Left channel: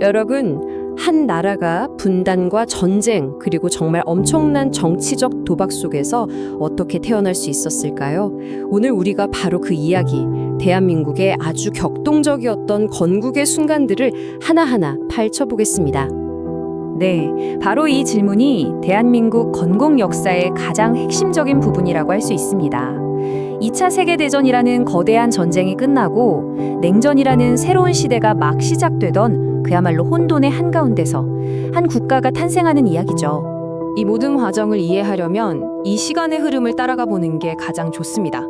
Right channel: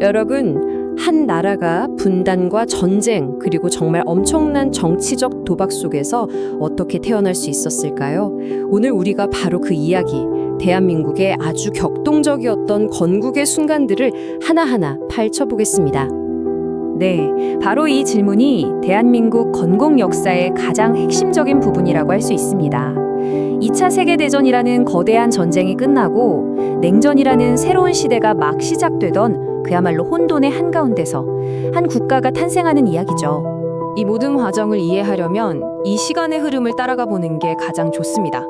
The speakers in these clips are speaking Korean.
여러분, 한 나라가 분단과 전쟁, 그리고 정말 엄청난 정치적 도박 속에서 어떻게 태어날 수 있었을까요? 오늘 우리가 바로 그 이야기, 대한민국의 아주 격동적이었던 건국의 순간들을 하나하나 파헤쳐보겠습니다. 네, 바로 이 질문이 대한민국 건국 역사의 가장 핵심적인 부분이라고 할 수 있습니다. 2차 세계대전이라는 거대한 전쟁이 끝나고 냉전이라는 새로운 시대가 막 시작되던 그야말로 혼돈의 한가운데서 한 국가가 탄생하는 이야기죠. 이 모든 과정을 이해하려면 이 시간의 흐름을 따라가 보는 게 가장 좋습니다.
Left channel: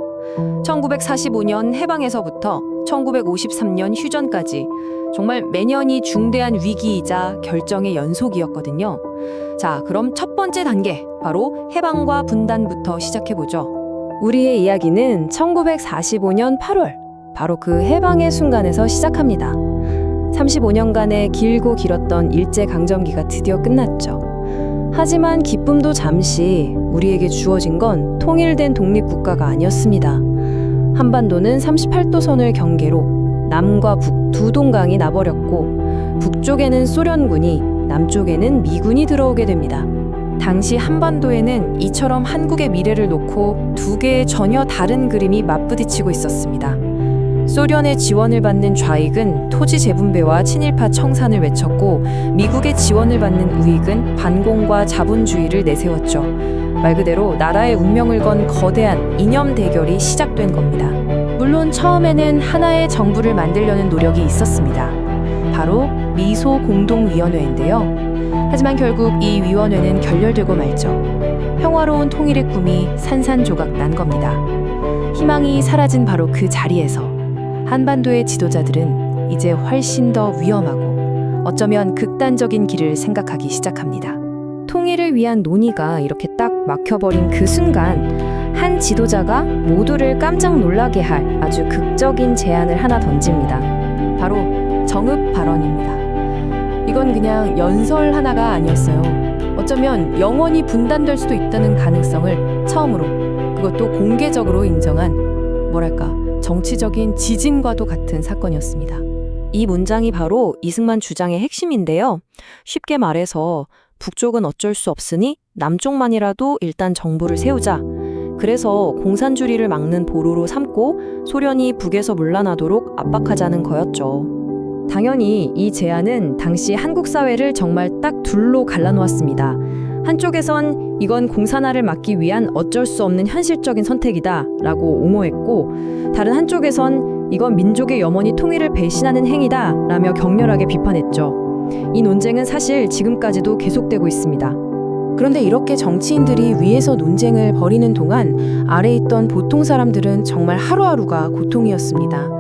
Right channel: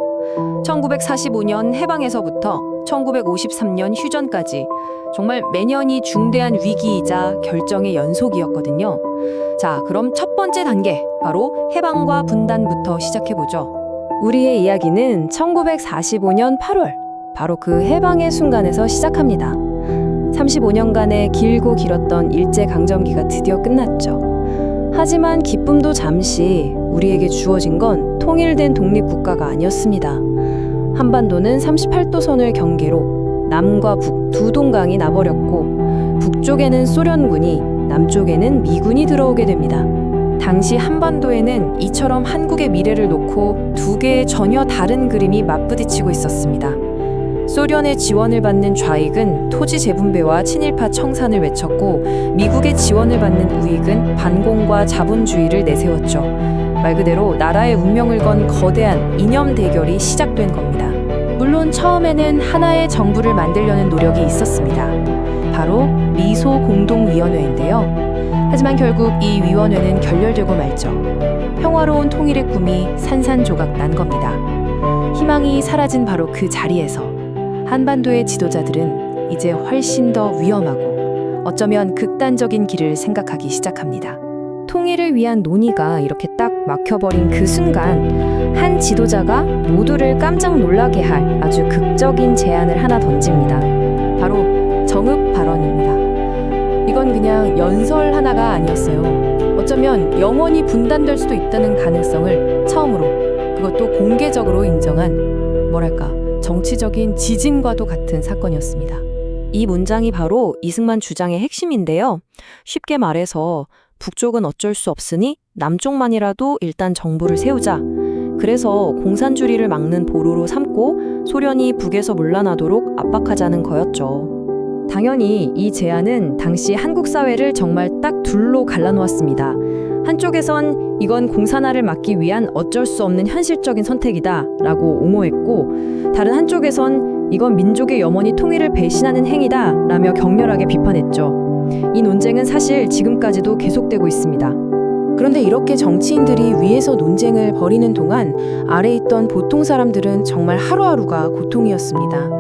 1945년 해방에서부터 1953년 휴전까지 정말 매년이 중대한 위기이자 결정의 연속이었거든요. 자, 그럼 첫 번째 단계, 바로 해방과 분단부터 시작해보죠. 우리의 이야기는 1945년 8월, 바로 그 해방의 순간에서 시작합니다. 35년간의 길고 길었던 일제강점기가 드디어 끝났죠. 하지만 기쁨도 잠시 우리에게 주어진 건 통일된 독립국가가 아니었습니다. 한반도는 38도 선을 경계로 남과 북 두 동강이 나버렸고 북쪽에는 소련군이, 남쪽에는 미군이 들어오게 됩니다. 당시 한반도에는 이처럼 한국의 미래를 놓고 두 개의 전혀 다른 그림이 맞부딪히고 있었습니다. 소련의 지원을 받는 좌익은 토지 재분배와 친일파 청산을 외쳤고 미국의 지원을 받는 우익은 반공과 자본주의를 내세웠죠. 말 그대로 나라의 운명을 건 거대한 이념 대결이 시작된 겁니다. 물론 처음에는 하나의 정부를 만들려는 노력이 있었습니다. 바로 미소 공동위원회인데요. 하지만 결국 이 위원회는 결렬되고 말죠. 평화로운 통일의 꿈이 산산조각 난 겁니다. 희망이 사라진 바로 그 자리에서 한반도의 지도자들은 이제 훨씬 더 위험하고 어쩌면 극단적인 길을 생각하기 시작합니다. 통일을 위한 논의가 이렇게 딱 막혀버린 그 순간 한 지도자가 모두를 깜짝 놀라게 할 아주 극적인 제안을 하나 던집니다. 바로 정읍 발언입니다. 이건 그냥 연설 하나가 아니었어요. 어쩌면 영원히 분단될 수도 있다는 가능성을 처음으로, 그것도 공개적으로 인정한 뭐랄까 정치적인 지진과도 같은 사건이었습니다. 이 문장이 바로 이승만 주장의 핵심인데요. 쉽게 말해서 북쪽은 어쩔 수 없으니 남쪽만이라도 일단 정부를 세우자. 그래서 공산주의를 막는 보루로 삼고 소련이 북에서 물러나도록 압박하자는 거였죠. 당연히 이 제안은 당시 한국 사회를 정말 딱 둘로 갈라놓았습니다. 한쪽에선 이건 공산화를 막기 위한 어쩔 수 없는 현실적인 선택이다 라고 옹호했고, 다른 한쪽에선 이건 민족의 염원이 통일을 배신하는 행위다 라며 격렬하게 비판했죠. 이 논쟁은 사실 지금까지도 계속되고 있습니다. 그런데 이렇게 정치인들이 위에서 논쟁을 벌이는 동안 아래에 있던 보통 사람들은 정말 하루하루가 고통이었습니다.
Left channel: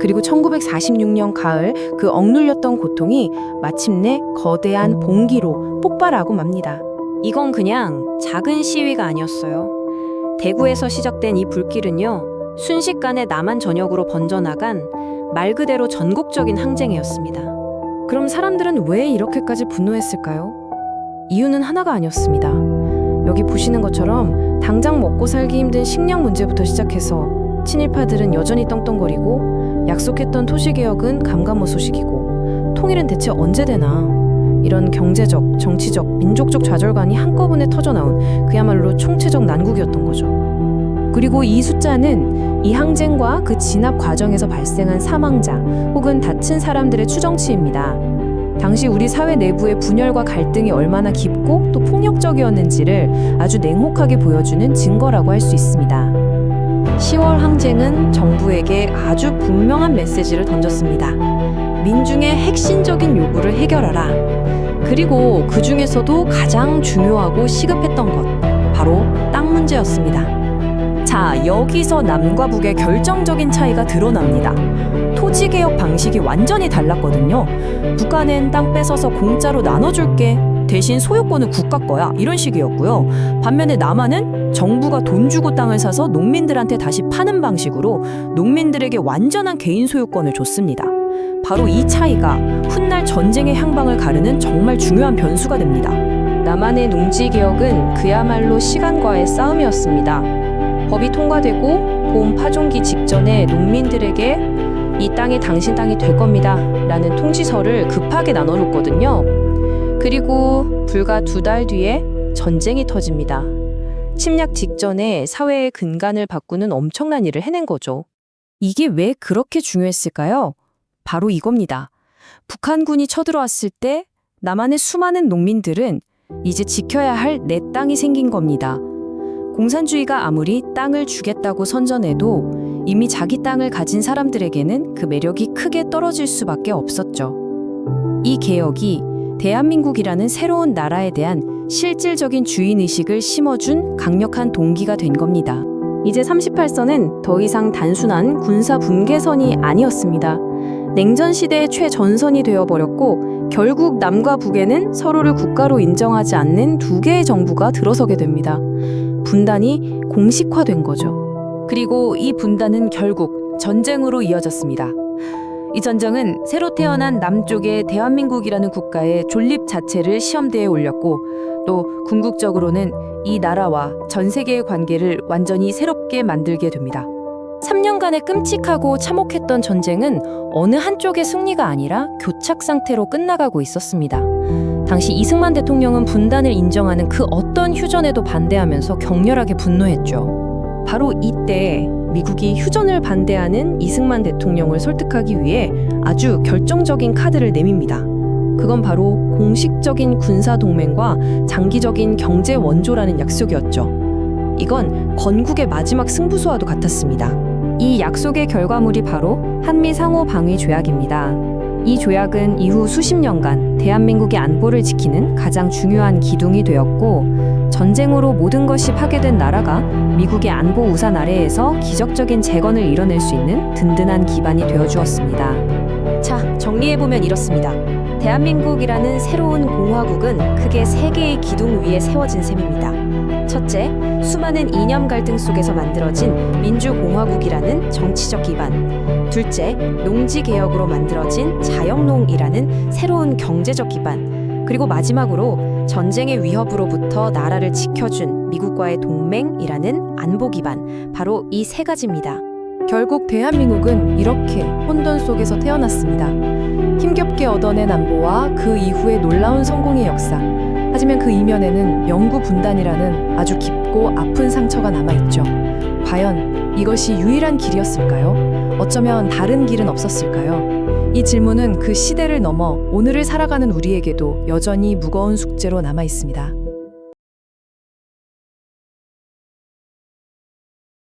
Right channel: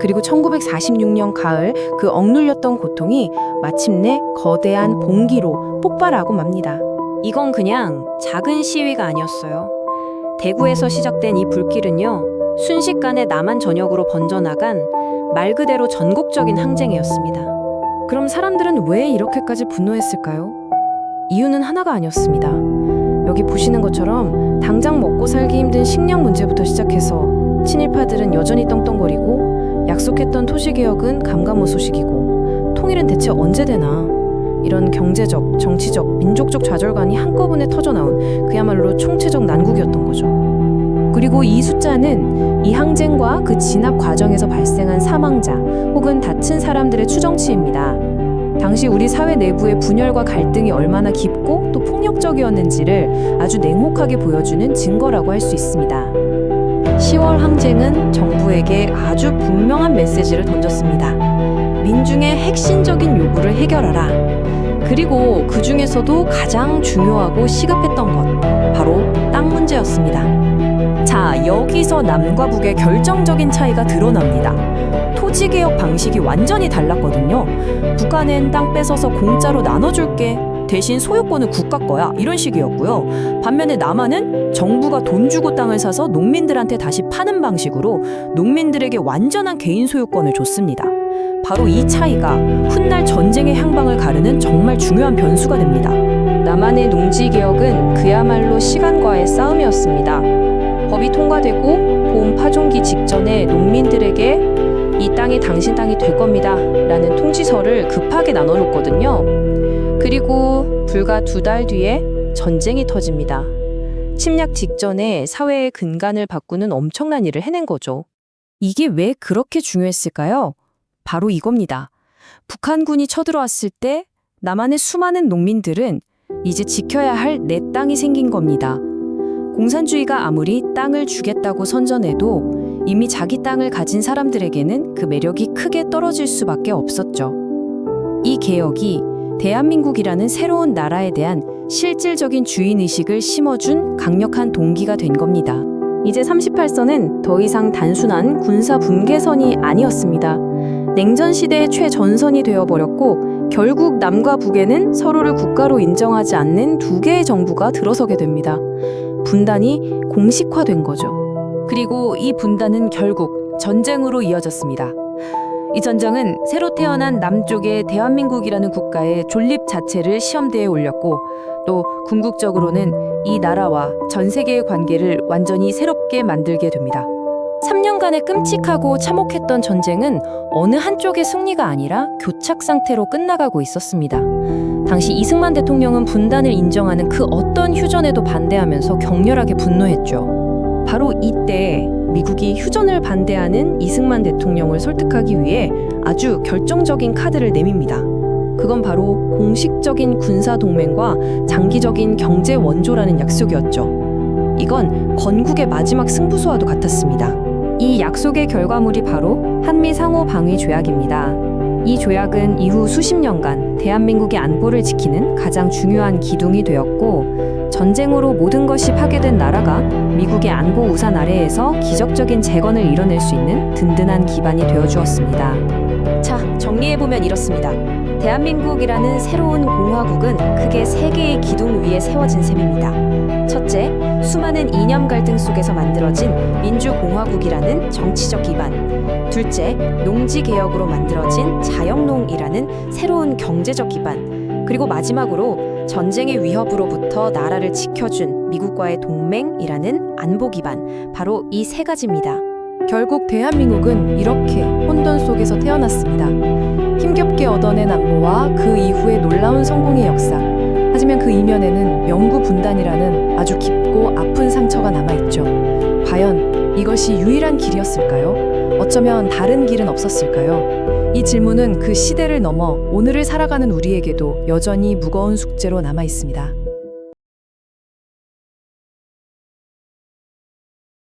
그리고 1946년 가을 그 억눌렸던 고통이 마침내 거대한 봉기로 폭발하고 맙니다. 이건 그냥 작은 시위가 아니었어요. 대구에서 시작된 이 불길은요, 순식간에 남한 전역으로 번져나간 말 그대로 전국적인 항쟁이었습니다. 그럼 사람들은 왜 이렇게까지 분노했을까요? 이유는 하나가 아니었습니다. 여기 보시는 것처럼 당장 먹고 살기 힘든 식량 문제부터 시작해서 친일파들은 여전히 떵떵거리고 약속했던 토지개혁은 감감무소식이고 통일은 대체 언제 되나, 이런 경제적, 정치적, 민족적 좌절감이 한꺼번에 터져나온 그야말로 총체적 난국이었던 거죠. 그리고 이 숫자는 이 항쟁과 그 진압 과정에서 발생한 사망자 혹은 다친 사람들의 추정치입니다. 당시 우리 사회 내부의 분열과 갈등이 얼마나 깊고 또 폭력적이었는지를 아주 냉혹하게 보여주는 증거라고 할 수 있습니다. 10월 항쟁은 정부에게 아주 분명한 메시지를 던졌습니다. 민중의 핵심적인 요구를 해결하라. 그리고 그 중에서도 가장 중요하고 시급했던 것, 바로 땅 문제였습니다. 자, 여기서 남과 북의 결정적인 차이가 드러납니다. 토지개혁 방식이 완전히 달랐거든요. 북한은 땅 뺏어서 공짜로 나눠줄게, 대신 소유권은 국가 거야, 이런 식이었고요. 반면에 남한은 정부가 돈 주고 땅을 사서 농민들한테 다시 파는 방식으로 농민들에게 완전한 개인 소유권을 줬습니다. 바로 이 차이가 훗날 전쟁의 향방을 가르는 정말 중요한 변수가 됩니다. 남한의 농지개혁은 그야말로 시간과의 싸움이었습니다. 법이 통과되고 봄 파종기 직전에 농민들에게 이 땅이 당신 땅이 될 겁니다. 라는 통지서를 급하게 나눠줬거든요. 그리고 불과 2달 뒤에 전쟁이 터집니다. 침략 직전에 사회의 근간을 바꾸는 엄청난 일을 해낸 거죠. 이게 왜 그렇게 중요했을까요? 바로 이겁니다. 북한군이 쳐들어왔을 때 남한의 수많은 농민들은 이제 지켜야 할 내 땅이 생긴 겁니다. 공산주의가 아무리 땅을 주겠다고 선전해도 이미 자기 땅을 가진 사람들에게는 그 매력이 크게 떨어질 수밖에 없었죠. 이 개혁이 대한민국이라는 새로운 나라에 대한 실질적인 주인의식을 심어준 강력한 동기가 된 겁니다. 이제 38선은 더 이상 단순한 군사 분계선이 아니었습니다. 냉전 시대의 최전선이 되어버렸고 결국 남과 북에는 서로를 국가로 인정하지 않는 2개의 정부가 들어서게 됩니다. 분단이 공식화된 거죠. 그리고 이 분단은 결국 전쟁으로 이어졌습니다. 이 전쟁은 새로 태어난 남쪽의 대한민국이라는 국가의 존립 자체를 시험대에 올렸고 또 궁극적으로는 이 나라와 전 세계의 관계를 완전히 새롭게 만들게 됩니다. 3년간의 끔찍하고 참혹했던 전쟁은 어느 한쪽의 승리가 아니라 교착 상태로 끝나가고 있었습니다. 당시 이승만 대통령은 분단을 인정하는 그 어떤 휴전에도 반대하면서 격렬하게 분노했죠. 바로 이때 미국이 휴전을 반대하는 이승만 대통령을 설득하기 위해 아주 결정적인 카드를 내밉니다. 그건 바로 공식적인 군사동맹과 장기적인 경제 원조라는 약속이었죠. 이건 건국의 마지막 승부수와도 같았습니다. 이 약속의 결과물이 바로 한미 상호 방위 조약입니다. 이 조약은 이후 수십 년간 대한민국의 안보를 지키는 가장 중요한 기둥이 되었고 전쟁으로 모든 것이 파괴된 나라가 미국의 안보 우산 아래에서 기적적인 재건을 이뤄낼 수 있는 든든한 기반이 되어주었습니다. 자, 정리해보면 이렇습니다. 대한민국이라는 새로운 공화국은 크게 3개의 기둥 위에 세워진 셈입니다. 첫째, 수많은 이념 갈등 속에서 만들어진 민주공화국이라는 정치적 기반. 둘째, 농지개혁으로 만들어진 자영농이라는 새로운 경제적 기반. 그리고 마지막으로 전쟁의 위협으로부터 나라를 지켜준 미국과의 동맹이라는 안보 기반. 바로 이 3가지입니다. 결국 대한민국은 이렇게 혼돈 속에서 태어났습니다. 힘겹게 얻어낸 안보와 그 이후의 놀라운 성공의 역사. 하지만 그 이면에는 영구 분단이라는 아주 깊고 아픈 상처가 남아있죠. 과연 이것이 유일한 길이었을까요? 어쩌면 다른 길은 없었을까요? 이 질문은 그 시대를 넘어 오늘을 살아가는 우리에게도 여전히 무거운 숙제로 남아있습니다.